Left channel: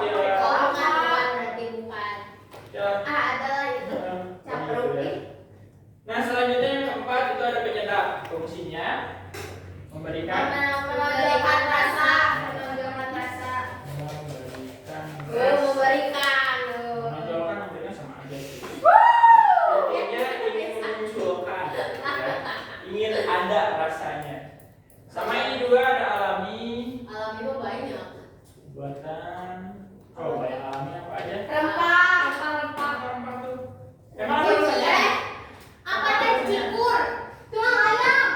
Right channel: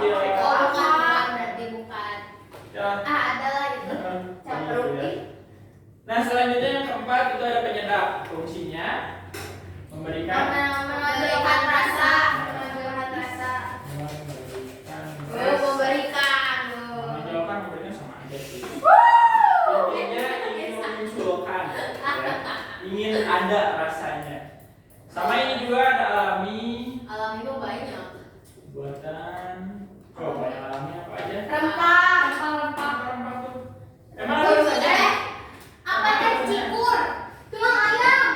Iya. Oh, bukan berarti bukan. Jalan. Ada lah itu. Capruk nih. Nah, selanjutnya yang keempat itu ada penyedap. Fungsinya memberikan Menonjolkan rasa. Menonjolkan rasa. memberikan memberikan sama aja sih. Intinya ingin memunculkan, ya. Ingin ada rasanya. Sama ini juga ada alami. Alami itu banyak. Buatan coba alami apa aja? Rempah Tuh. Emang ada tuh. rasanya? Apa teh cikur? Tulang ayam.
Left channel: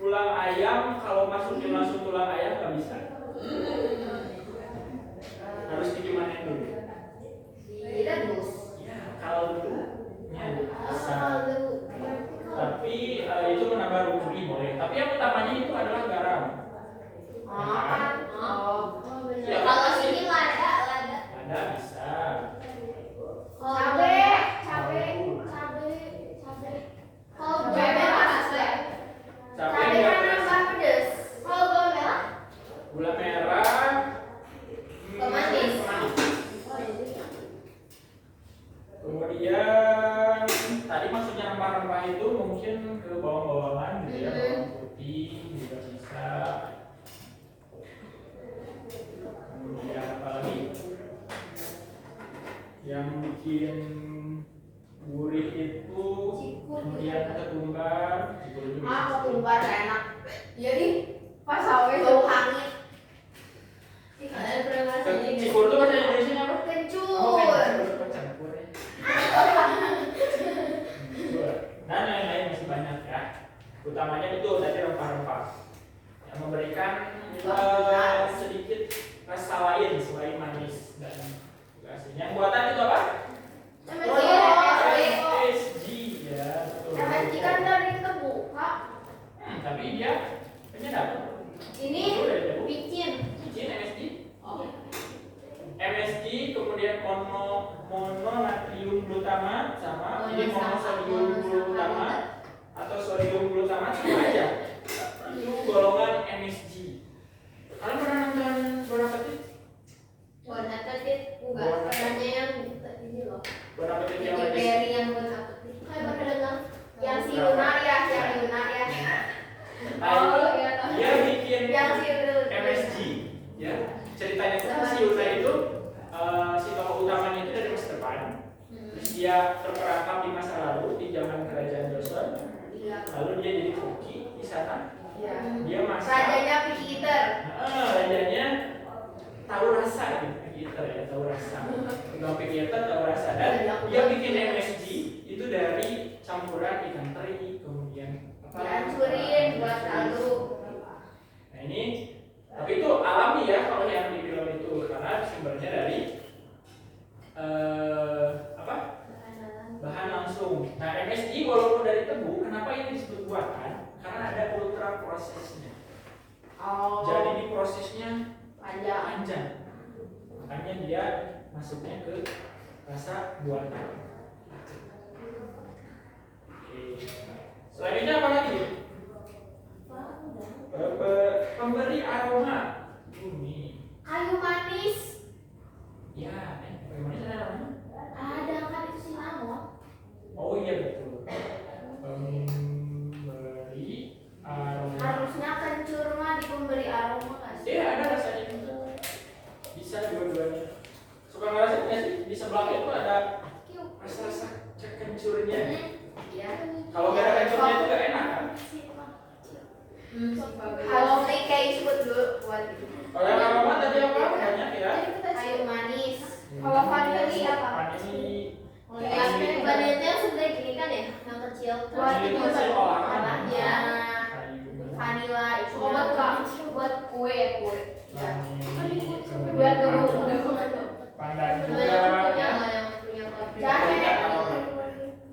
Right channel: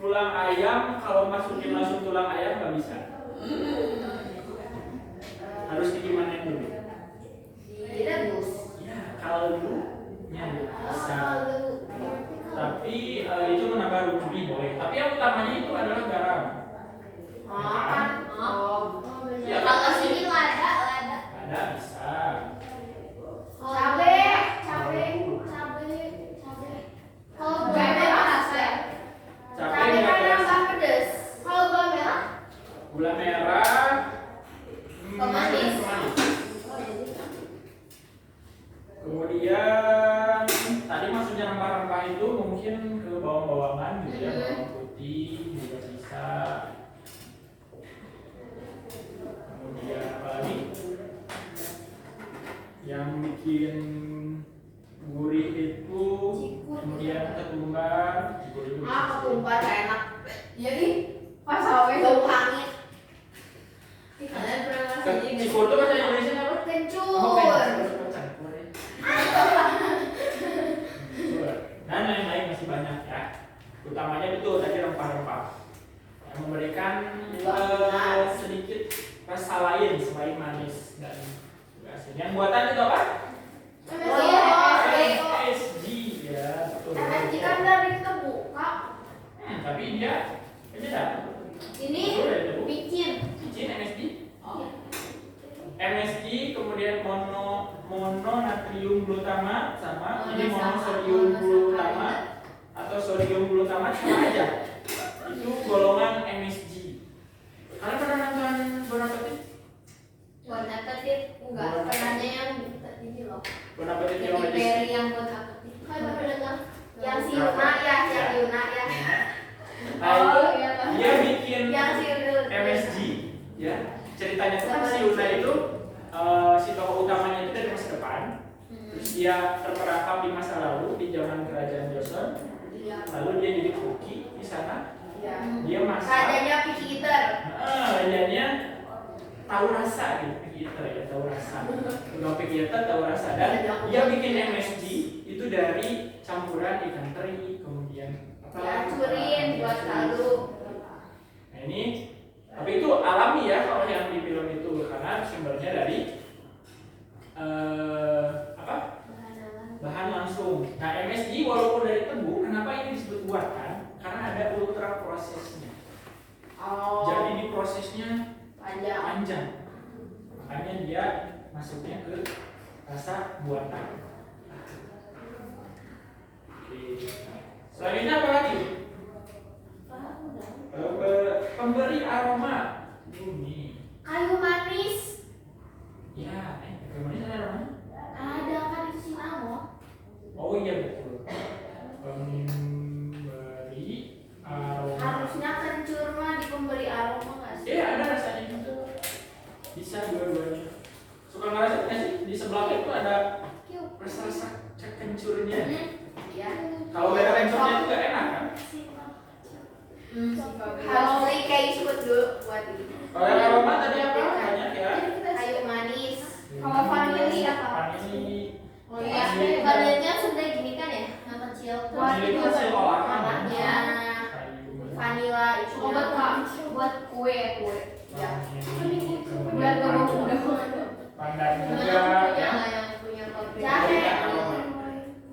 Tulang ayam kalau masukin langsung tulang ayam nggak bisa. Harus dikimanin dulu. Direbus. Ya, kaldunya bisa. Tapi itu menambah rugi boleh. Tapi yang utamanya itu adalah garam. Ya, Kalau sini lada. Ada bisa. Cabe. Kalau gula merah rasa. Cabai Cabe nggak kan keras. nambah pedes. Kalau gula merah Gula merah. pemanis. Kemudian tadi maksudnya rempah-rempah itu mungkin ke bawang-bawangan gitu ya, bawang putih juga bisa. Kemudian apa lagi? Yang bikin gurih itu kemudian ketumbar, gurih itu bisa. Ketumbar enak. Jadi pas awe bau hangit. Kalian pernah ngerasain Cikur itu bahasa Indonesia apa? kencur. Campur ya. Dan lain-lain masih banyak ya. Utamanya betul tadi rempah-rempah yang memberikan sedikit rasa lain selain manis dan asin. Yang buatan itu apa? MSG ya, betul. MSG kan dari tebu, Kak. Tapi dia penyedap. Ini picin. Picin MSG. MSG kemudian mononatrium glutamat sama ini monosodium glutamat atau sodium glutamat sama aja. Itu golongan MSG. Kalian pernah nonton Bon Appetit? Bon Appetit enggak, pernahnya yang ini loh. Bon Appetit yang Yang berry yang Bon Appetit. Kayak pernah dengar? Yang si Yuna ya, yang Yuna ya. Dia bikin Yang si Yuna. MSG ya. Ceritanya tuh kan si Yuna itu si tokoh utamanya itu dari masa depan. Terus dia terperangkap di masa lalu di zaman kerajaan Joseon. Lalu dia jadi koki di sana. Dia masak. Rajanya picky eater. Rajanya tahu rasa gitu ya, tahu rasa. Kalau picky eater tahu rasa dan dia bikin MSG itu dari campuran ikan teri kemudian Dihancurin buat kaldu. Nah ini, tapi itu alami ya kalau yang di film itu karena sumbernya dari bahan langsung. Nah MSG walaupun dari tebu, kenapa ini disebut buatan? Karena ada ultra prosesnya. Jadi di prosesnya panjang. Makanya dia masuknya ke rasa buatan. Oke. Selanjutnya apa lagi? Pemberi aroma. Ini. Kayu manis. Ya, kayu manis ada aromanya? Ada kan itu si Amo. Oh iya betul. Pemberi aroma. Harusnya kencur mah di pemberi aroma nggak sih? Ada rasanya juga. Bisa dua-duanya. Suka ngerasain nggak sih? Di sebelah itu ada rasa-rasa kencurnya. Iya. Kalau beda kencurnya itu nggak enak kan? Kalau kayak disebut dulu buat ini. Kalau yang aroma tadi apa? Banyak ya. Kayu manis. Kalau vanili apa? Vanili. Oh iya, vanilnya sebenarnya gini kan ya, yang kecil. Vanili itu hasil olahan. Warnanya. Vanilla itu buat kue. Ya. Buat Pandan juga ya. Yang punya kopi.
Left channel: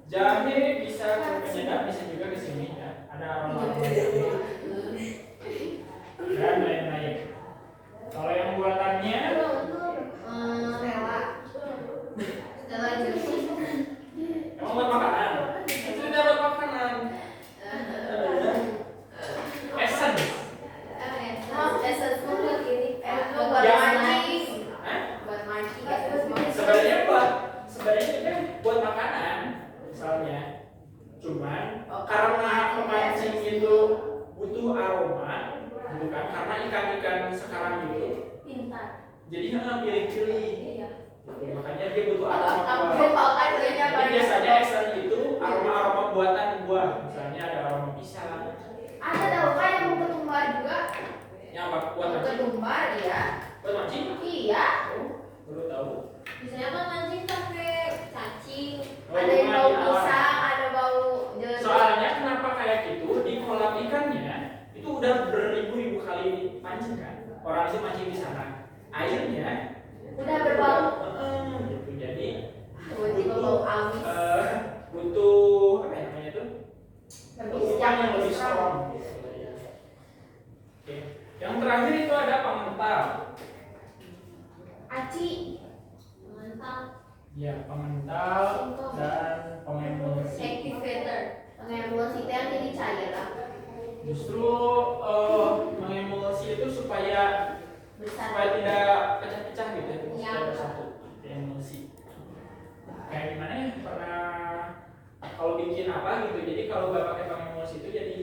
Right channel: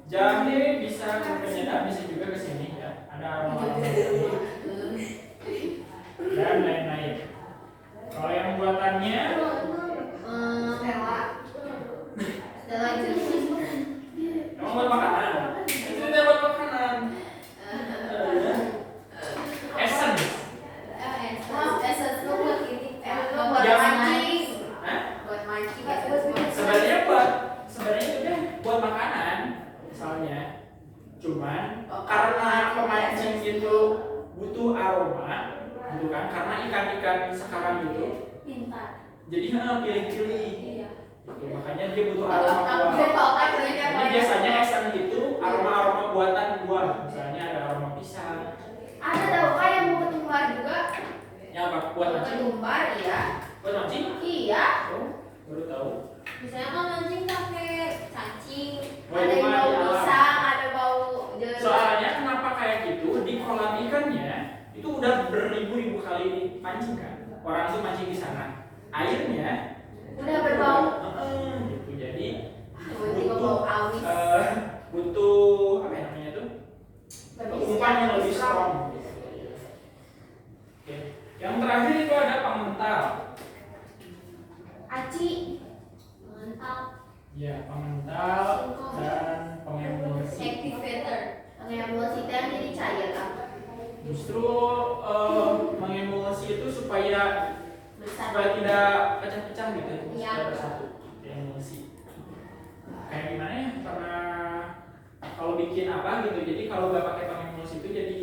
Jahe bisa ke penyedap, bisa juga ke sini ya. Ada aroma dan lain-lain. kebanyakan sekarang itu Pintar. jadi pilih-pilih. Iya. Makanya dia butuh aroma buah. Jadi Jadi biasanya esen itu aroma buatan buah. Misalnya ada aroma pisang. ada tahu kan yang mau ketumbar juga? Yang apa? Buat Mau mancing? ketumbar iya. Buat mancing? Iya. Oh, baru tahu. Misalnya kan mancing pakai cacing, Oh, ada yang cuma bau di alam. pisang, ada bau jeruk. Soalnya kenapa kayak gitu? Di kolam ikannya itu udah beribu-ribu kali dipancing kan. Orang tuh mancing di sana. Airnya Udah berbau. Gitu. Jadi Tiba-tiba bau amis. butuh apa ya namanya tuh? Umpan yang lebih Berpisah. strong. Oke. Yang terakhir itu ada pengental. Aci. Mantap. Ya, pengental dan pengemulsi. Activator. Pengemulsi itu yang jadi cair apa? Justru mengemulsi itu supaya Besar. tidak pecah-pecah gitu, Iya. supaya bersatu. Emulsi. Kayak gimana ya? Karena kalau bikin apa gitu, jadi kalau nggak pakai pengemulsi itu jadi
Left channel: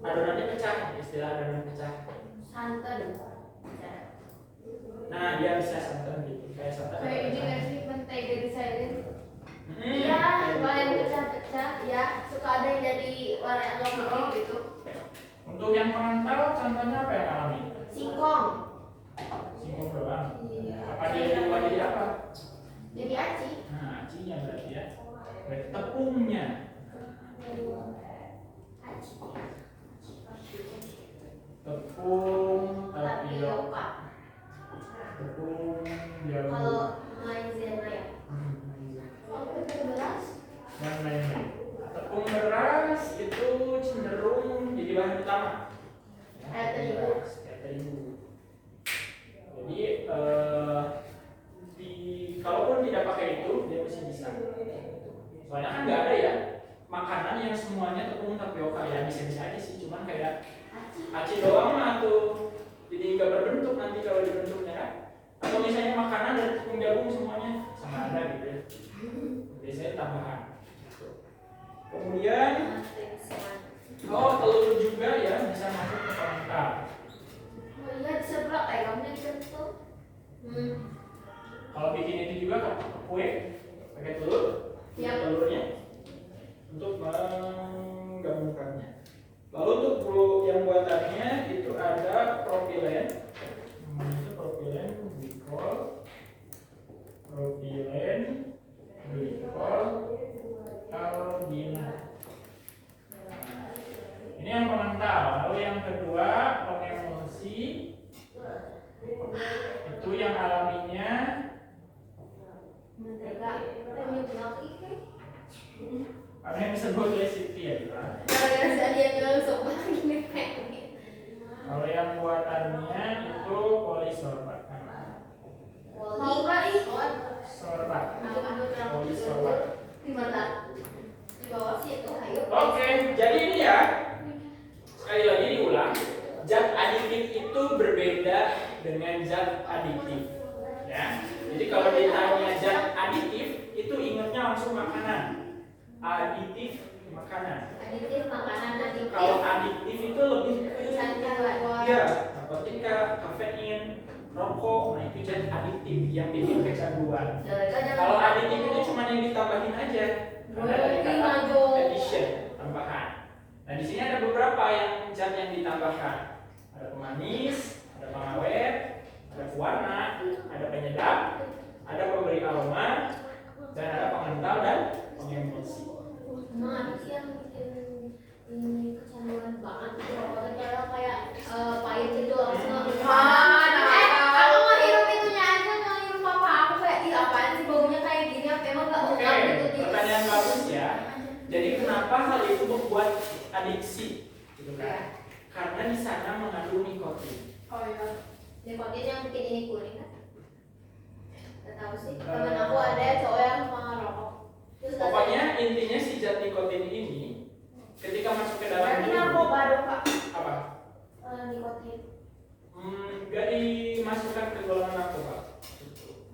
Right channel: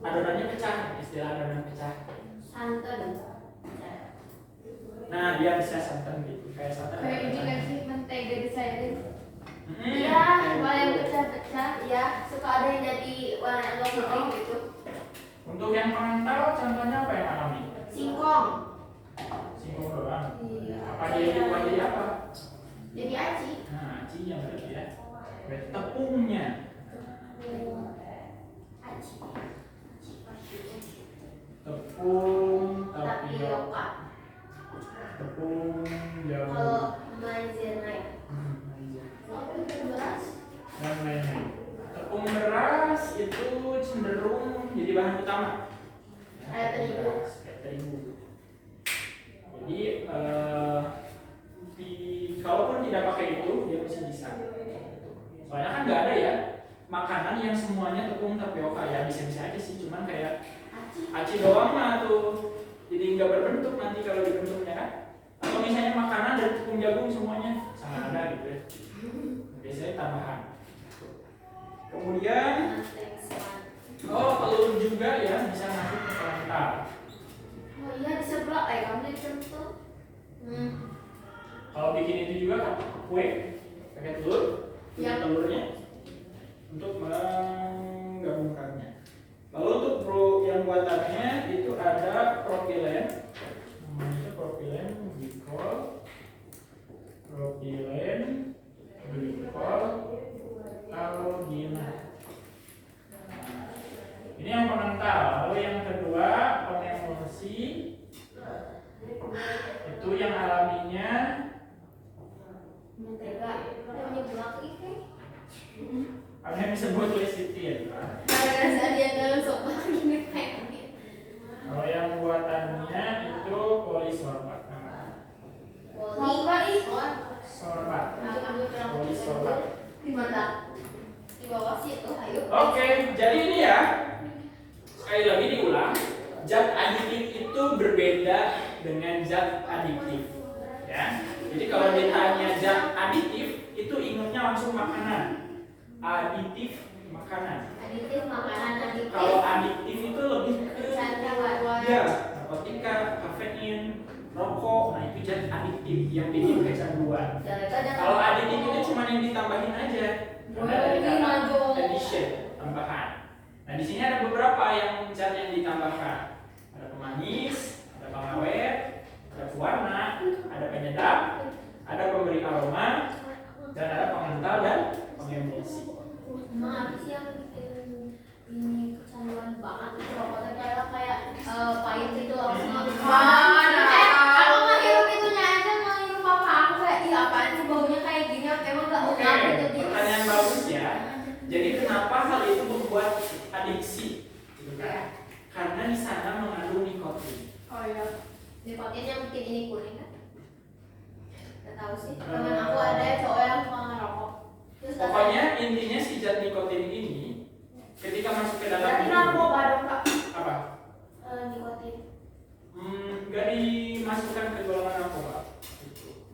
adonannya pecah, istilah adonan pecah. Santan. Nah, dia bisa santan gitu, kayak santan. Kayak ini nggak sih mentega disairin? Iya, warna yang pecah-pecah. Ya, suka ada yang jadi warna yang agak putih gitu. Untuk yang pengental, contohnya apa yang alami? Singkong. Singkong doang. Iya. Apa dia dibuat jadi apa? Jadi aci. Nah, acinya berarti ya. Berarti tepungnya. Aci. Tepung tapioka. Tapioka. Tepung jamu. Kalau maizena. Iya. Oh, itu beras. Dan lain-lain. Tepung beras itu cenderung jadi bahan utama. Kayak terigu. Kayak terigu. Jadi kalaupun tidak pakai itu dia masih bisa. Soalnya kan nggak ada ya makanan yang semuanya tepung tapioka ya, bisa-bisa aja sih, cuman kayak aci doang mah tuh jadi nggak berbentuk nanti kalau dibentuknya kan. Atau misalnya makanan dan tepung jagung semuanya sama ada gitu ya. Biasanya tambahan. Kemudian telur juga ya bisa masuk ke pengantar. Oh iya, diseblak kayak kamu dibentuk. Kalau bikin itu juga kue pakai telur, Ya. telurnya untuk menggabungkannya. Lalu untuk yang buatannya itu ada propilen, namanya itu propilen glikol, algina. Ini yang pengental. Lalu yang kedua pengemulsi, itu yang alaminya Mentega. Udah nyeblak itu. ada yang disebut lecithin ya, Pak. Gara-gara dia ngelusuk lagi nih pengen. Kalau yang buatannya itu polisorbat. Poli. Sorbat. Aduk-aduk Polisorbat. di mana? Di bawah situ, ayo. Oke, jadi ini ya. Sekali lagi diulang, zat aditif itu berbeda dengan zat adiktif. Ya. Jadi kalau ditanya zat aditif itu ingatnya langsung makanan. Aditif makanan. Aditif makanan aditif. Kalau adiktif itu lebih ke Canduan. ya, narkotika, kafein, rokok, nah itu zat adiktif yang bikin kecanduan. Kalau aditif itu cuma yang ditambahin aja. Karena dari kata addition, tambahan. Nah di sini ada beberapa yang zat yang ditambahkan. Ada pemanis, ada pengawet, ada pewarna, ada penyedap, ada pemberi aroma, dan ada pengental dan pengemulsi. Emang apa sih yang bikin ini kecanduan banget itu rokoknya kayak pahit gitu langsung aku aku mah hirup itunya aja mau hirup apa aku kayak ih apaan sih baunya kayak gini emang nggak Oke, enak gitu di pertanyaan bagus ya. Jadi kenapa hal itu membuat adiksi? Gitu kan? Karena di sana mengandung nikotin. Oh iya, nikotin yang bikin ini kuning kan? Gak tahu sih. Temen aku ada cowok yang suka ngerokok. Terus Pokoknya intinya si zat nikotin ini ketika masuk ke dalam berarti tubuh, narkoba baru kak apa? nikotin. Nggak dimasukkan ke golongan narkoba.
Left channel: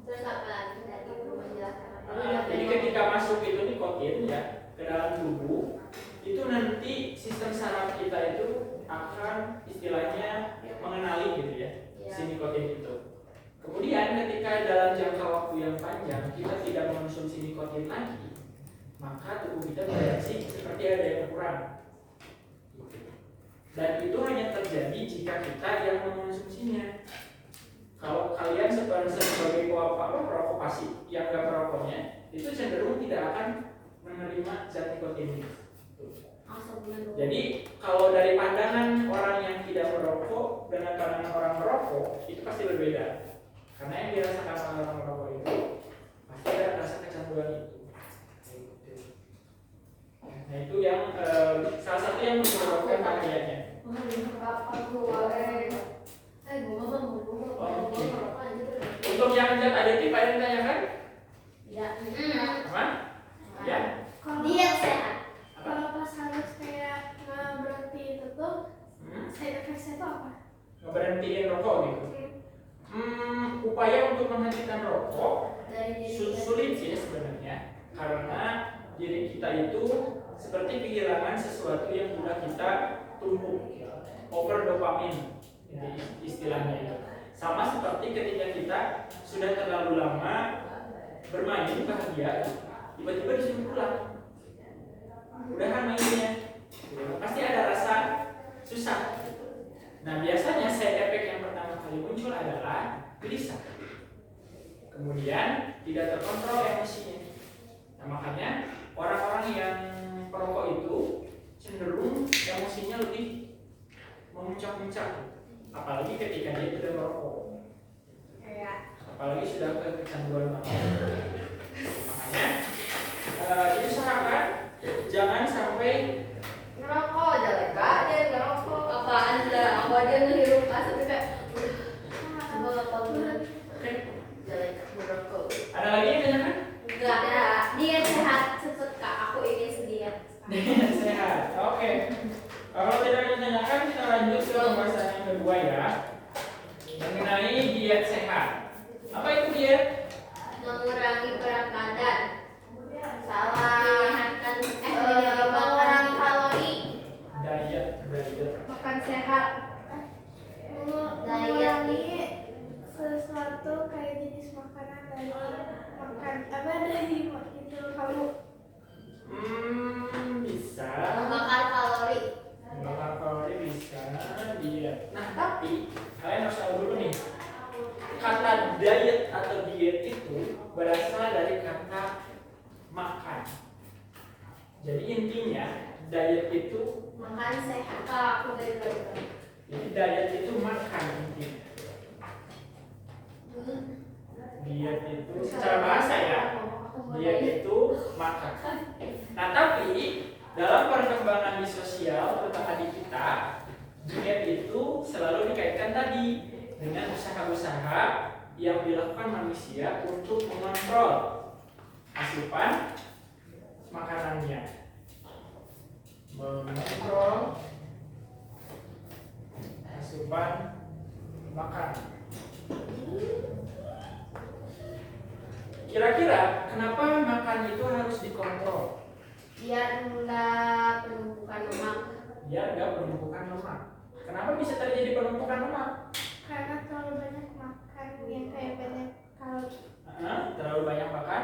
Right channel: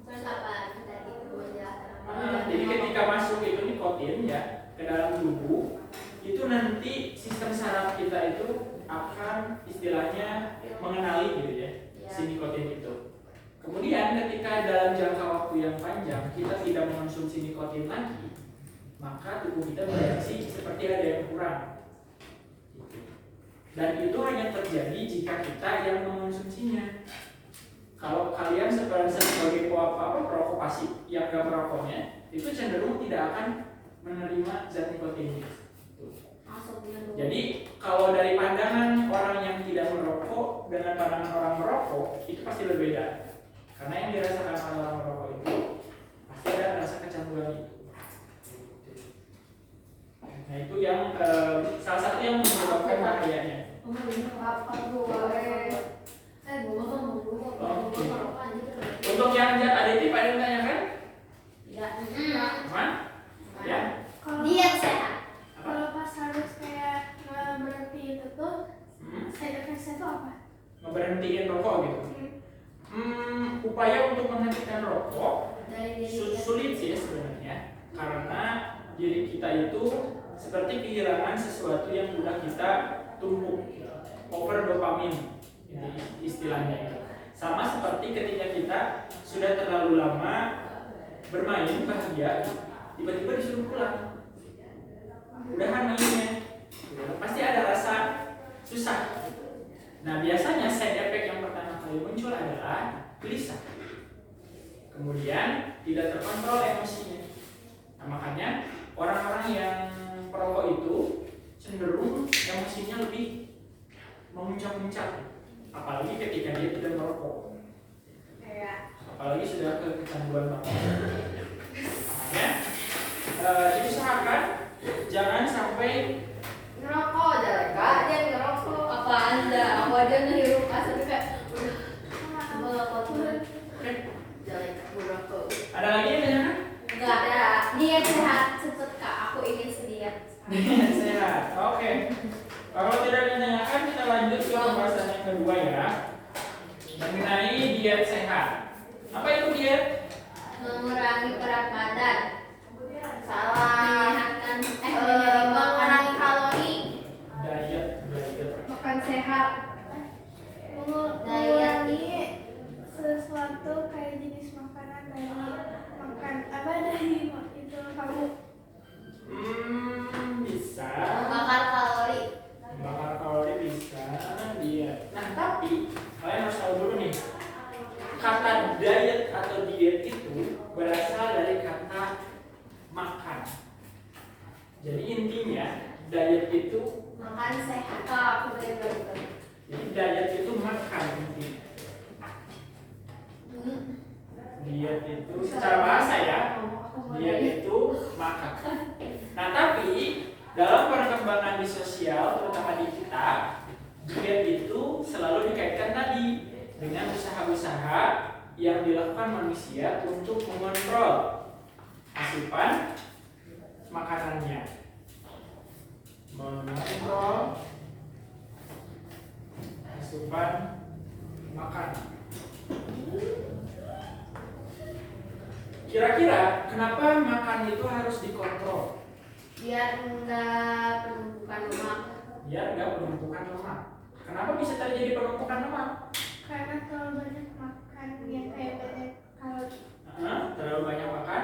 Terus apa lagi tadi belum menjelaskan apa? Jadi ketika masuk itu nikotin ya ke dalam tubuh, itu nanti sistem saraf kita itu akan istilahnya mengenali gitu ya. jangka waktu yang panjang kita tidak mengonsumsi nikotin lagi, maka tubuh kita bereaksi seperti ada yang kurang. Dan itu hanya terjadi jika kita yang mengonsumsinya. Kalau kalian sebagai perokok pasif yang gak merokoknya, itu cenderung tidak akan menerima zat nikotin. Jadi kalau dari pandangan orang yang tidak merokok dengan pandangan orang merokok itu pasti berbeda. Karena yang dirasakan orang merokok itu pasti ada rasa kecanduan itu. Nah itu yang salah satu yang menyebabkan bahayanya. Untuk yang aditif ada yang tanyakan? Tidak. Aman? Ya. Diet sehat. Kalau pas harus kayak berhenti itu tuh, side effect-nya tuh apa? Ngeberhentiin rokok gitu. Upaya untuk menghentikan rokok sulit sih sebenarnya, karena diri kita itu seperti kehilangan sesuatu yang sudah kita tumpuk, over dopamin istilahnya itu. Sama seperti ketika kita sudah terlalu lama bermain bahagia, tiba-tiba disuruh pulang, udahan mainnya, pasti ada rasa susah. Nah biasanya side effect yang pertama kali muncul adalah gelisah, kemudian tidak terkontrol emosinya. Nah makanya orang-orang yang perokok itu cenderung emosinya lebih memuncak-muncak, apalagi ketika dia tidak merokok, apalagi sudah kecanduan merokok. Makanya diusahakan jangan sampai ngerokok, jangan dia ngerokok. Apa anda? Aku aja ngehirup asap juga. Jangan ngerokok. ada lagi yang tanyakan? Enggak ada. Diet sehat cepet kak. Aku ingin sediat. Diet sehat. Oke. Kalau tidak ditanyakan kita lanjut ke pembahasan yang kedua ya, mengenai diet sehat. Apa itu diet? Mengurangi berat badan. Salah. Mengurangi kalori. Diet. Makan sehat. Mengurangi sesuatu kayak jenis makanan dari makan apa dari itu kamu Bisa. Membakar kalori. Membakar kalori bisa. Diet. Nah tapi kalian harus tahu dulu nih, kata diet atau diet itu berasal dari kata makan. Jadi intinya diet itu Makan sehat. Kak, aku dari tadi. jadi diet itu makan intinya. Diet itu secara bahasa ya, diet itu makan. Nah tapi dalam perkembangan di sosial, terutama di kita, diet itu selalu dikaitkan tadi dengan usaha-usaha yang dilakukan manusia untuk mengontrol asupan makanannya, mengontrol asupan makan. Kira-kira kenapa makan itu harus dikontrol? Biar enggak penumpukan lemak. Biar nggak penumpukan lemak. Kenapa bisa terjadi penumpukan lemak? karena terlalu banyak makan yang kayak banyak kalori. Terlalu banyak makan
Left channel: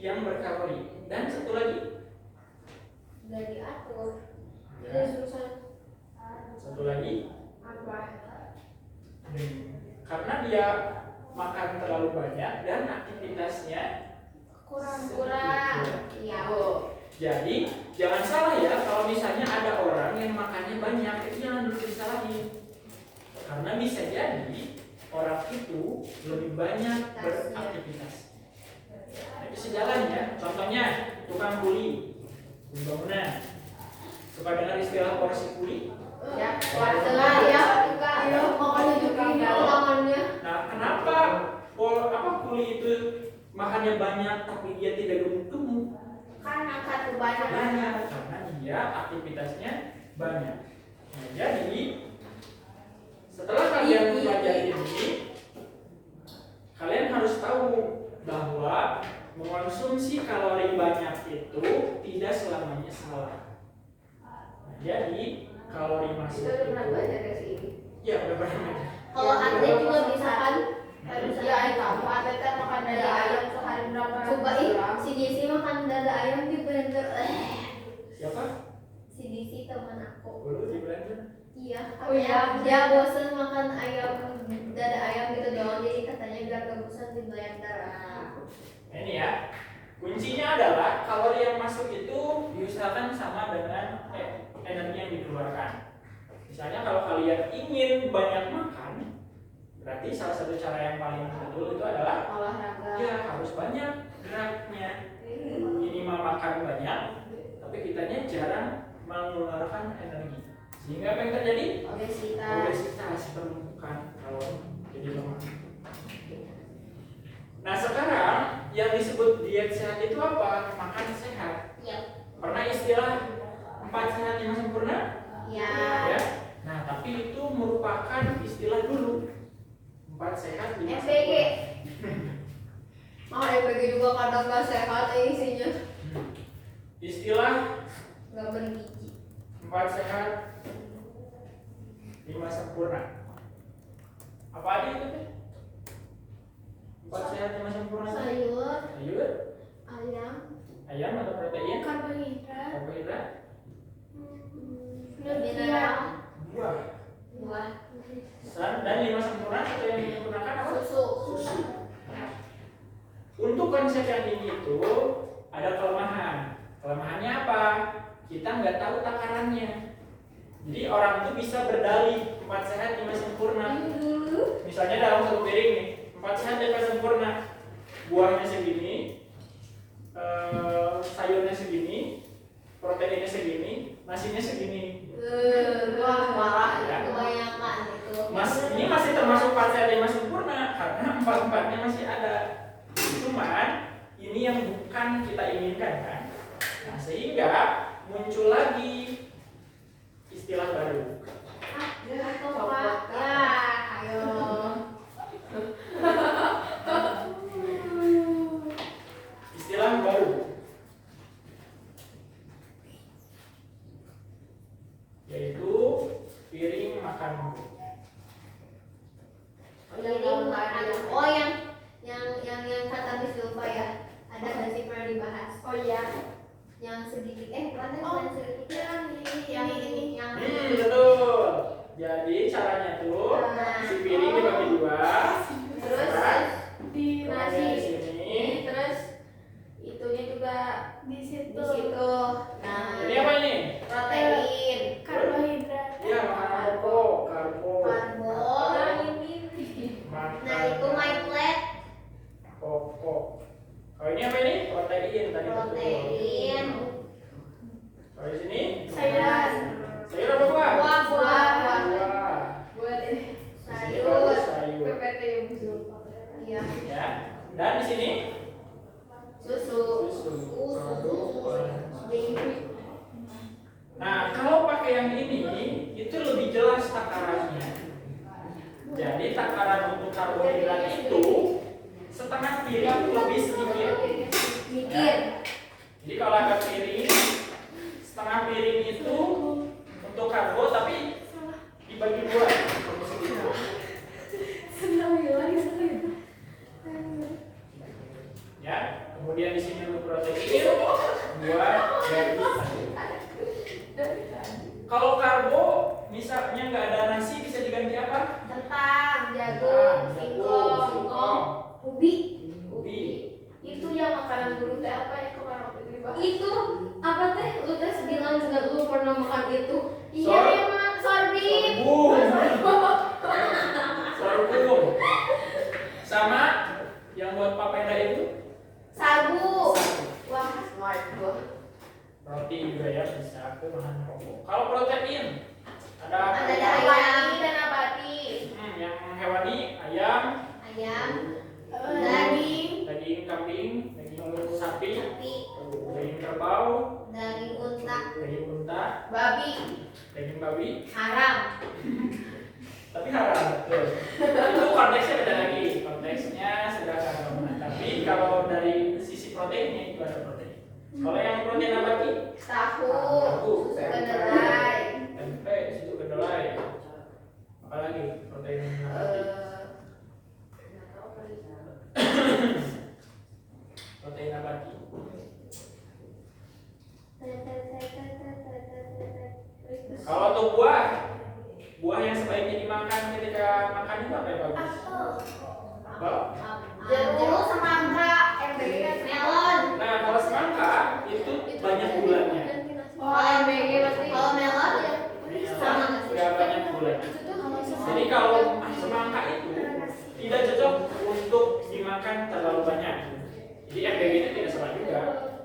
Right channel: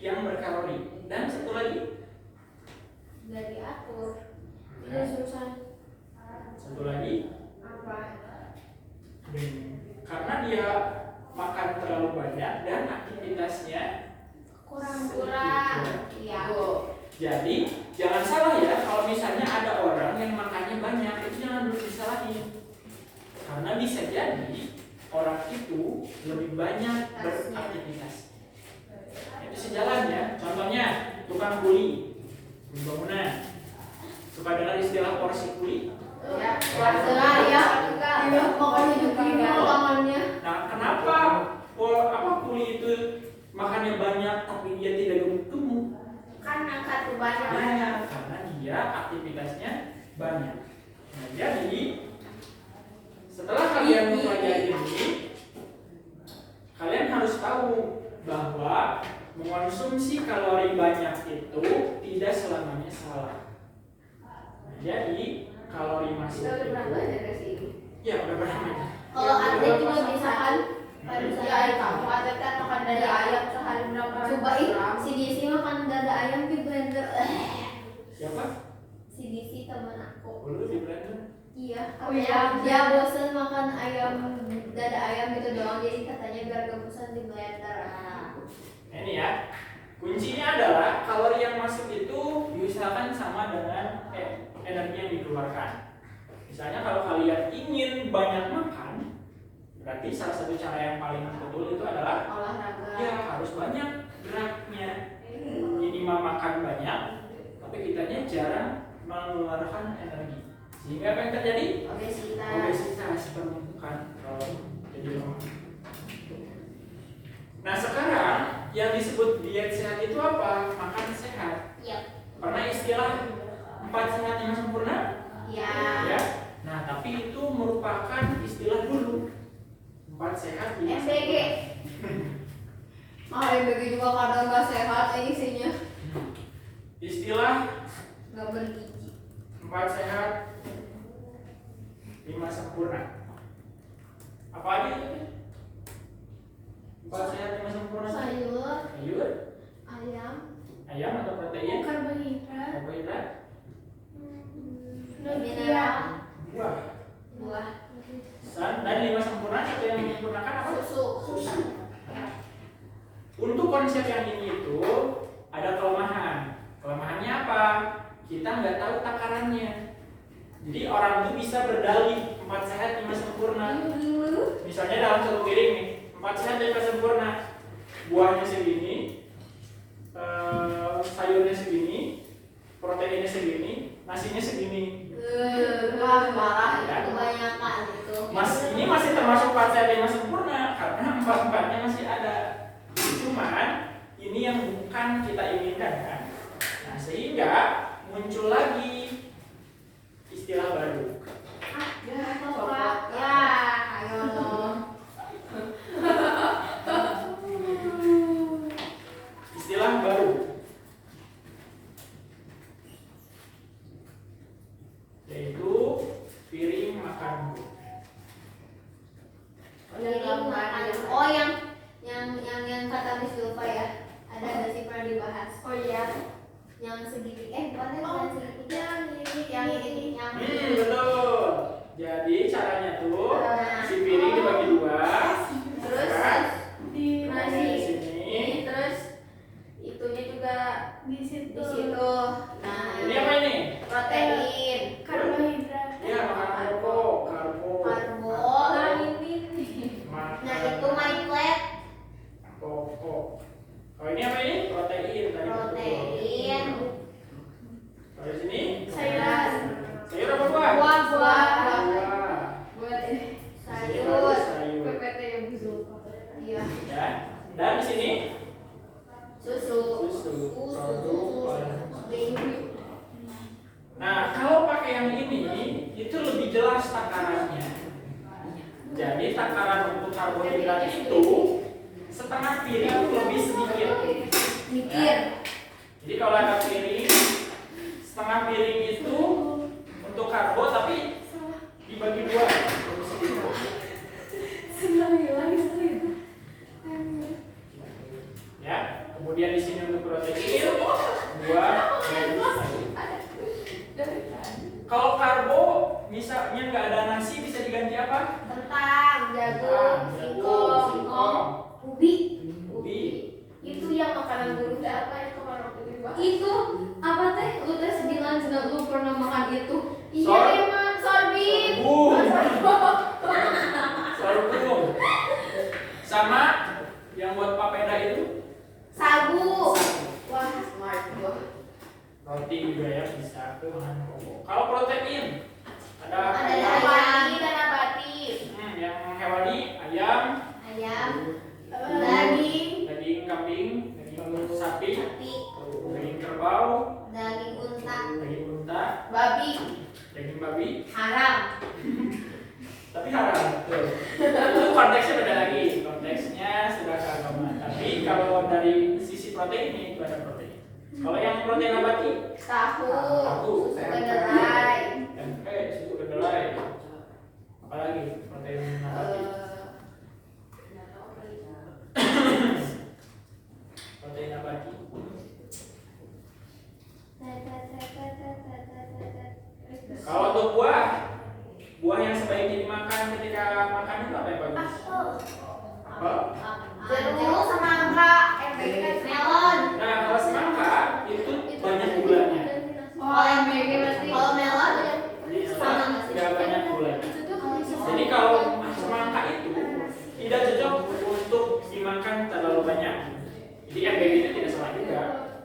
yang berkalori. Dan satu lagi, Nggak diatur. Jadi susah. satu lagi, Apa? karena dia makan terlalu banyak dan aktivitasnya Kurang. Iya. Jadi jangan salah ya, kalau misalnya ada orang yang makannya banyak, itu jangan dulu disalahin. Karena bisa jadi orang itu lebih banyak beraktivitas. Itu sejalan ya. Contohnya tukang kuli, bangunan, suka dengar istilah porsi kuli. Ya, setengah ya juga. Mau nunjukin tangannya. Nah, kenapa kuli itu makannya banyak tapi dia tidak gemuk-gemuk? Kan angkat banyak. Banyak karena dia aktivitasnya banyak. Nah, jadi setelah kalian mempelajari ini, kalian harus tahu bahwa mengonsumsi kalori banyak itu tidak selamanya salah. Nah, jadi kalori masuk itu, ya udah pernah. Kalau atlet juga bisa kan? Ya, kamu ada kan makan dada ayam sehari berapa ratus gram? Si Disi makan dada ayam di blender. Siapa? Si Disi teman aku. Dulu di blender. Iya. Oh iya. Dia bosan makan ayam dada ayam gitu doang, jadi katanya biar gak bosan di blender. Ini ya. Kuncinya adalah kalori yang masuk itu diusahakan sama dengan energi yang dikeluarkan. Misalnya kalau kalian ingin banyak makan, berarti salah satu cara yang paling betul itu adalah Olahraga. ya harus banyak geraknya. Minimal makan banyak, tapi kitanya jarang mengeluarkan energi. Sehingga apa yang terjadi? Obesitas penumpukan kalau jadi lemah. Nah sekarang yang disebut diet sehat itu apa? Makan sehat. Yep. Karena istilah 4 sehat 5 sempurna. Ya. Ya. Nah tapi itu merupakan istilah dulu. 4 sehat 5 MBG. sempurna. MBG juga kadang gak sehat isinya. Istilah Gak bergizi. 4 sehat 5 sempurna. Apa aja itu? 4 sehat 5 sempurna. Sayur, Sayur, ayam, atau protein, Karbohidrat. karbohidrat, mineral, buah, buah, dan 5 sempurna itu yang disempurnakan apa? susu. Untuk konsep yang ini itu ada kelemahan. Kelemahannya apa? Kita nggak tahu takarannya. Jadi orang tuh bisa berdalih 4 sehat 5 sempurna. Misalnya dalam satu piring nih, 4 sehat 5 sempurna. Buahnya segini, sayurnya segini, proteinnya segini, nasinya segini. Wah, parah Ya. kebanyakan itu. Ini masih termasuk 4 sehat 5 sempurna karena 4-4-nya masih ada. Cuman ini yang bukan kita inginkan kan. Nah, sehingga muncul lagi istilah baru. Coklat. Ya, ayo. Istilah baru. Yaitu piring makan. Piring makan. Oh, yang kata Miss Zulfa ya. Ada nggak sih pernah dibahas? Oh iya. Yang segitiga, bukan segitiga. Yang ini. Yang Betul. Jadi caranya tuh si piring dibagi dua. terus Kan? Di nasi. Di sini. Terus itunya juga di situ. di situ. Nah, Ini apa ini? protein, Karbohidrat. Ya makanan pokok, karbo. karbo. Nah, itu my plate, Pokok. Oh ini apa ini? Protein tadi. protein, Oh di sini? Sayuran. Sayur apa buah? buah, Buah. buat ini Di sini sayur, baru sayur. PPT yang Zulfa. iya, Ya. Dan di sini susu, Susu. baby. Nah, kalau pakai yang ini itu lebih jelas takarannya. Jadi takaran untuk karbohidrat itu setengah piring lebih sedikit. Mikir, Jadi kalau ada piring setengah piring itu untuk karbo tapi dibagi dua. Senang bilang itu. Ya. Kemudian di sini untuk protein buah dan sayur. Kalau karbo misalnya nggak ada nasi bisa diganti apa? kentang, jagung, singkong, ubi. Ubi. Itu yang makanan guru teh apa yang kemarin waktu itu dibahas? Itu apa teh? Lu teh bilang juga lu pernah makan itu. Iya emang sorghum. Sorghum. Sama yang buat papeda itu Sagu. Wah, smart gua. roti juga ya bisa ke bahan pokok. Kalau protein ada apa? Ada ayam dan nabati. Yang hewani ayam, Ayam, daging, daging kambing, daging sapi, sapi, daging kerbau, daging unta, daging unta, babi, daging babi. haram. Tapi haram betul. Itu konteksnya beda lagi. Konteksnya sudah keagamaan. Tapi kalau dari sisi proteinnya itu ada protein. Kalau yang protein nabati, Tahu, susu kedelai, tempe, susu kedelai. Apalagi protein nabati. apel. Jeruk, semangka, melon. Nah, kalau semangka itu banyak gulanya. Kalau melon sama Nggak banyak gula. Jadi kalau semangka itu tidak cocok untuk dimakan terlalu banyak. Jadi MPG itu tidak salah juga.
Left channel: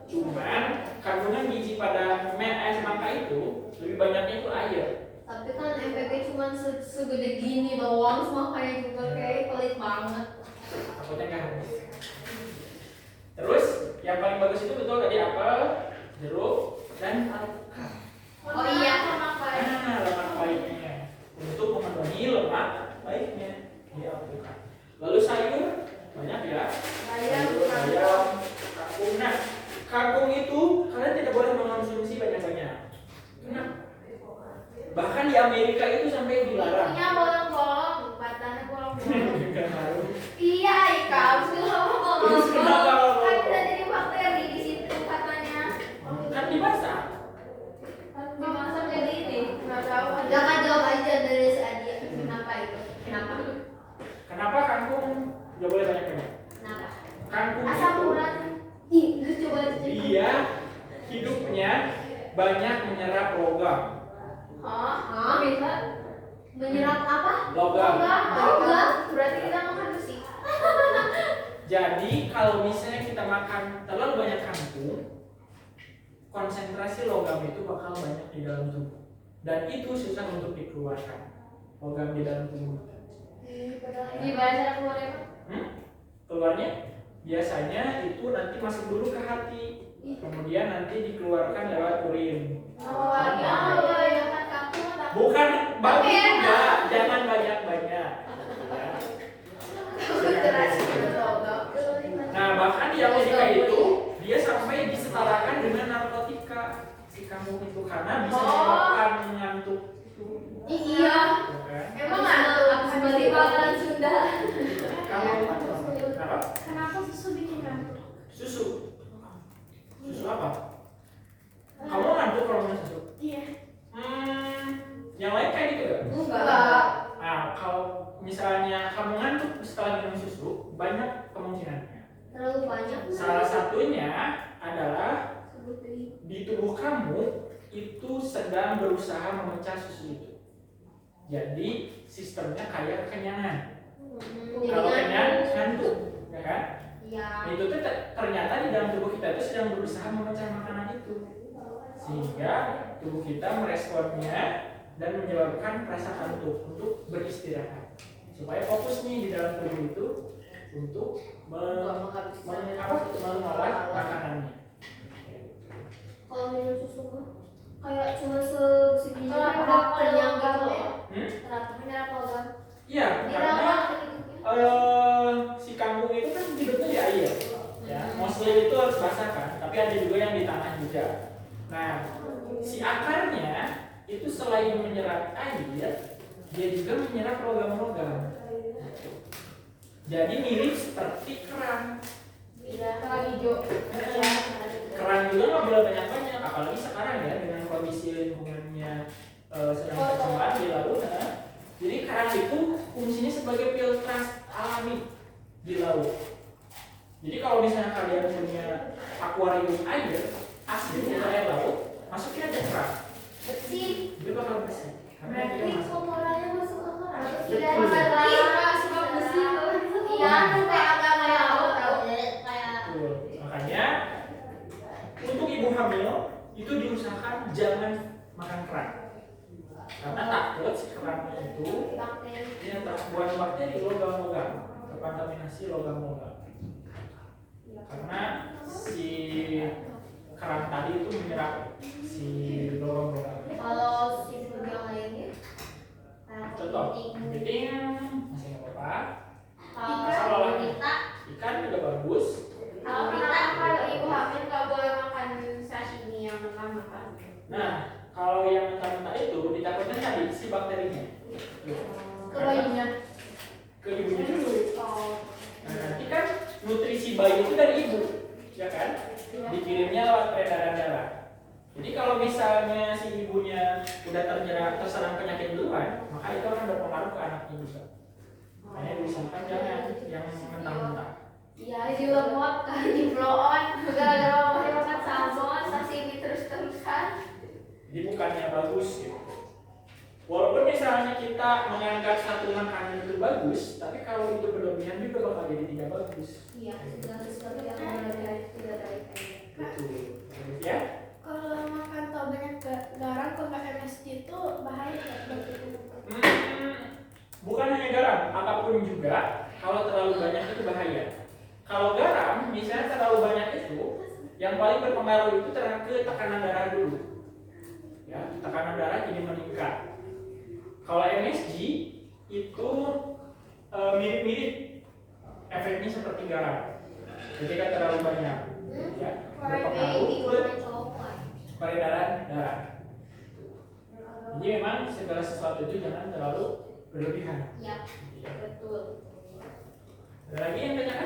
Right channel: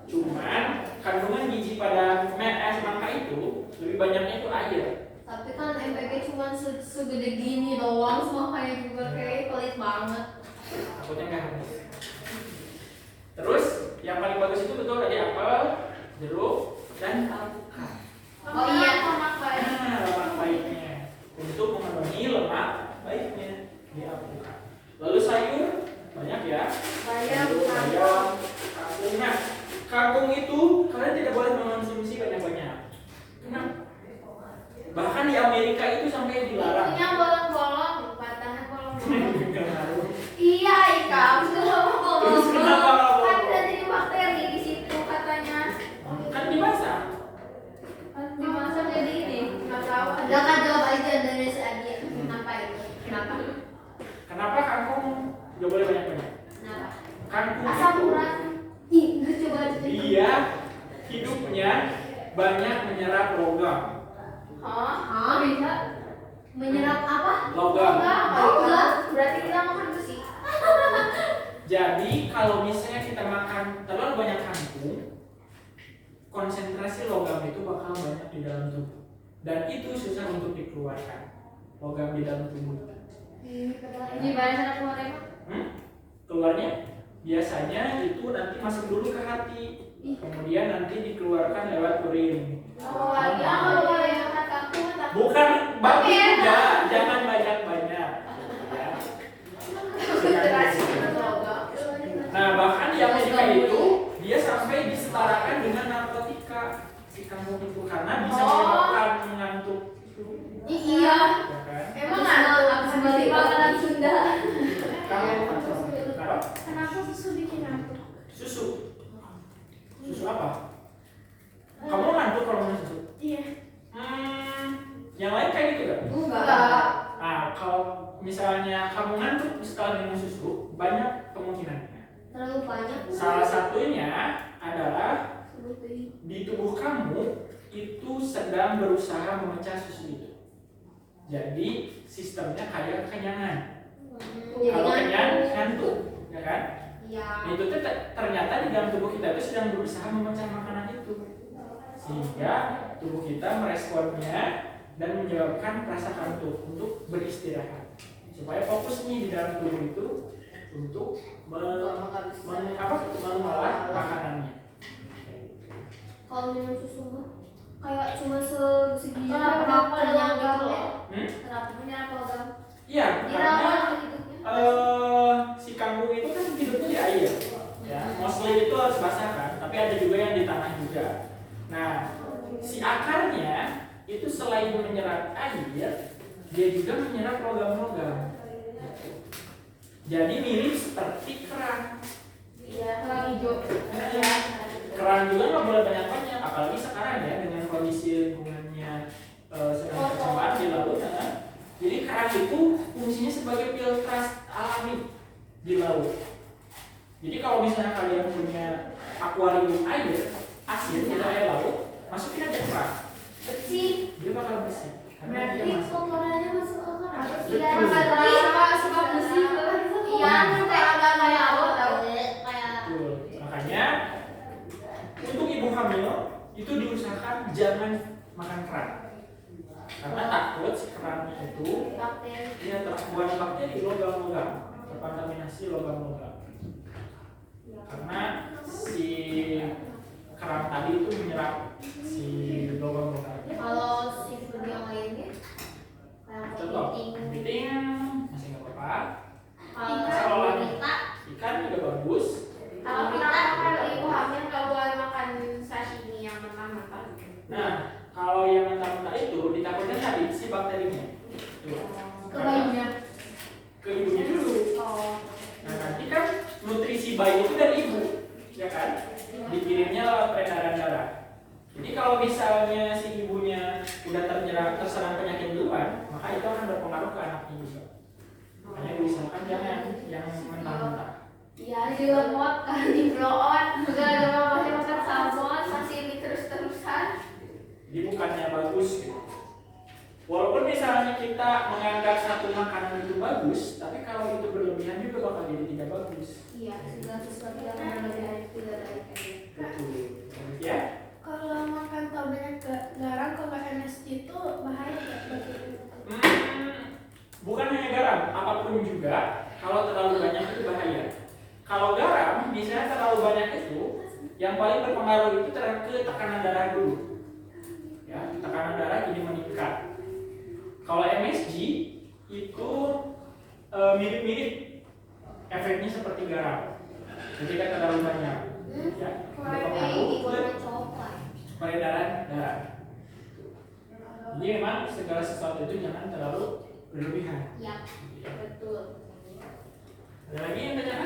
Cuman kandungan gizi pada semangka itu lebih banyaknya itu air. Tapi kan MPG cuma segede gini doang, semakanya juga kayak pelit banget. Takutnya nggak habis. Terus yang paling bagus itu betul tadi apel, jeruk, dan alpukat. Oh iya, lemak baik. Nah, lemak baiknya untuk memenuhi lemak baiknya di alpukat. Lalu sayur banyak ya. Sayur, kangkung. Nah, kangkung itu kalian tidak boleh mengonsumsi banyak-banyak. Kenapa? Bahkan di Amerika itu sampai dilarang. itunya bolong-bolong, batangnya bolong-bolong. Nggak tahu. Iya, Ika, Terus kenapa bolong-bolong. bolong? Kan bisa jadi bakteri di situ katanya. Kan dimasak. Dimasak jadi ini, nggak tahu. Jangan jawab aja dari si Adi. Kenapa itu? Kenapa? Kenapa kangkung nggak boleh banyak-banyak? Kenapa? Kangkung Asam itu urat. Ih, nggak coba aja. dia hidupnya banyak menyerap logam. Hah? Bisa menyerap apa? Logam. Logam. Berarti kita makan besi. Jadi kalau misalnya kita makan terlalu banyak kangkung, konsentrasi logam itu bakal banyak di dalam tubuh. Dan itu susah untuk dikeluarkan. Logam di dalam tubuh. Gimana cara keluarnya? Keluarnya biasanya itu nanti masuk dulu ke hati, kemudian nanti dikeluarkan lewat urin. Oh, ya makan kangkung atau Bukan bagus juga, jangan banyak-banyak. Ya. Nah, bahkan di Amerika itu dia sampai disetarakan dengan narkotika si kangkung itu karena bisa menyebabkan ngantuk. Iya. Ya kan? Emang ada di makanan Sunda. Kangkung kenapa? Kenapa susu bikin ngantuk? Susu. Susu apa? Kamu ngantuk kalau minum susu? Iya. Yang lain kayak gitu ya? Enggak. Nah, kalau misalnya kamu ngantuk setelah minum susu, banyak kemungkinannya. Terlalu banyak. Salah satunya adalah di tubuh kamu itu sedang berusaha memecah susu itu. Jadi sistemnya kayak kekenyangan. Kalau kenyang ngantuk, ya kan? Iya. Itu tuh ternyata di dalam tubuh kita itu sedang berusaha memecah makanan itu, sehingga tubuh kita meresponnya dan menyebabkan rasa kantuk untuk beristirahat, supaya fokus nih di dalam tubuh itu untuk mengolah makanannya. Kalau minum susu mah kayak cuma segini kenyang gitu loh. Kenapa menyerap logam? Iya, karena Diraba gitu. si kangkung itu kan hidupnya di air, ya. Mostly itu harus basah kan, tapi ada juga yang di tanah juga. Nah, si akarnya itu selain menyerap air, dia juga menyerap logam-logam. Jadi mirip seperti kerang. Iya, kerang hijau. Kerang juga nggak boleh banyak-banyak, apalagi sekarang ya dengan kondisi lingkungannya sedang tercemar di laut. Jadi kerang itu fungsinya sebagai filtrasi alami di laut. Jadi kalau misalnya kalian punya akuarium air asin di air laut, masukin aja kerang, Bersih. dia bakal bersih. Karena dia Berarti masuk. kotorannya masuk ke kerang. Betul. Iya, suka bersih. Iya, kan kayak agak kayak laut tau. Kayak Betul. Makanya untuk ibu hamil itu diusahakan jangan makan kerang, karena takut si kerang itu bakteri. dia terbuat bakteri logam-logam, terkontaminasi logam-logam. Karena si kerang tadi itu menyerap si logam-logam. Kalau si food yang lainnya kayak Contoh, kepiting masih nggak apa-apa. kalau wanita, Ikan juga bagus. kalau kita kalau ibu hamil nggak boleh makan sashimi yang mentah-mentah. Nah, kalau yang mentah-mentah itu ditakutkan tadi si bakterinya. Tuh. Ke bayinya. Ke ibunya dulu. Oh. Nah, nanti kan nutrisi bayi itu dari ibu, ya kan? Dikirimnya lewat peredaran darah. Jadi kalau misalnya si ibunya udah terserang penyakit duluan, maka itu akan berpengaruh ke anaknya juga. Makanya diusahakan jangan yang mentah-mentah. Iya juga muat kan di blow on. Gara-gara pakai makan salmon, sashimi terus-terusan. Jadi bukannya bagus gitu. Walaupun misalnya kita menganggap satu makanan itu bagus, tapi kalau itu berlebihan juga bakal jadi tidak bagus. Iya, segala sesuatu yang berlebihan tidak baik aja. Betul. Ya? Kalau makan terlalu banyak garam ke makan MSG itu bahaya nggak? Bukan hanya garam, apapun juga kalau terlalu banyak itu bahaya. Kalau garam, misalnya terlalu banyak itu, yang paling berpengaruh itu ke tekanan darah dulu. Ya, tekanan darah jadi meningkat. Kalau MSG itu mirip-mirip efeknya seperti garam. Ketika terlalu banyak, ya, berpengaruh ke peredaran darah. Jadi memang segala sesuatu itu jangan terlalu berlebihan. Iya, betul. Ada lagi yang tanya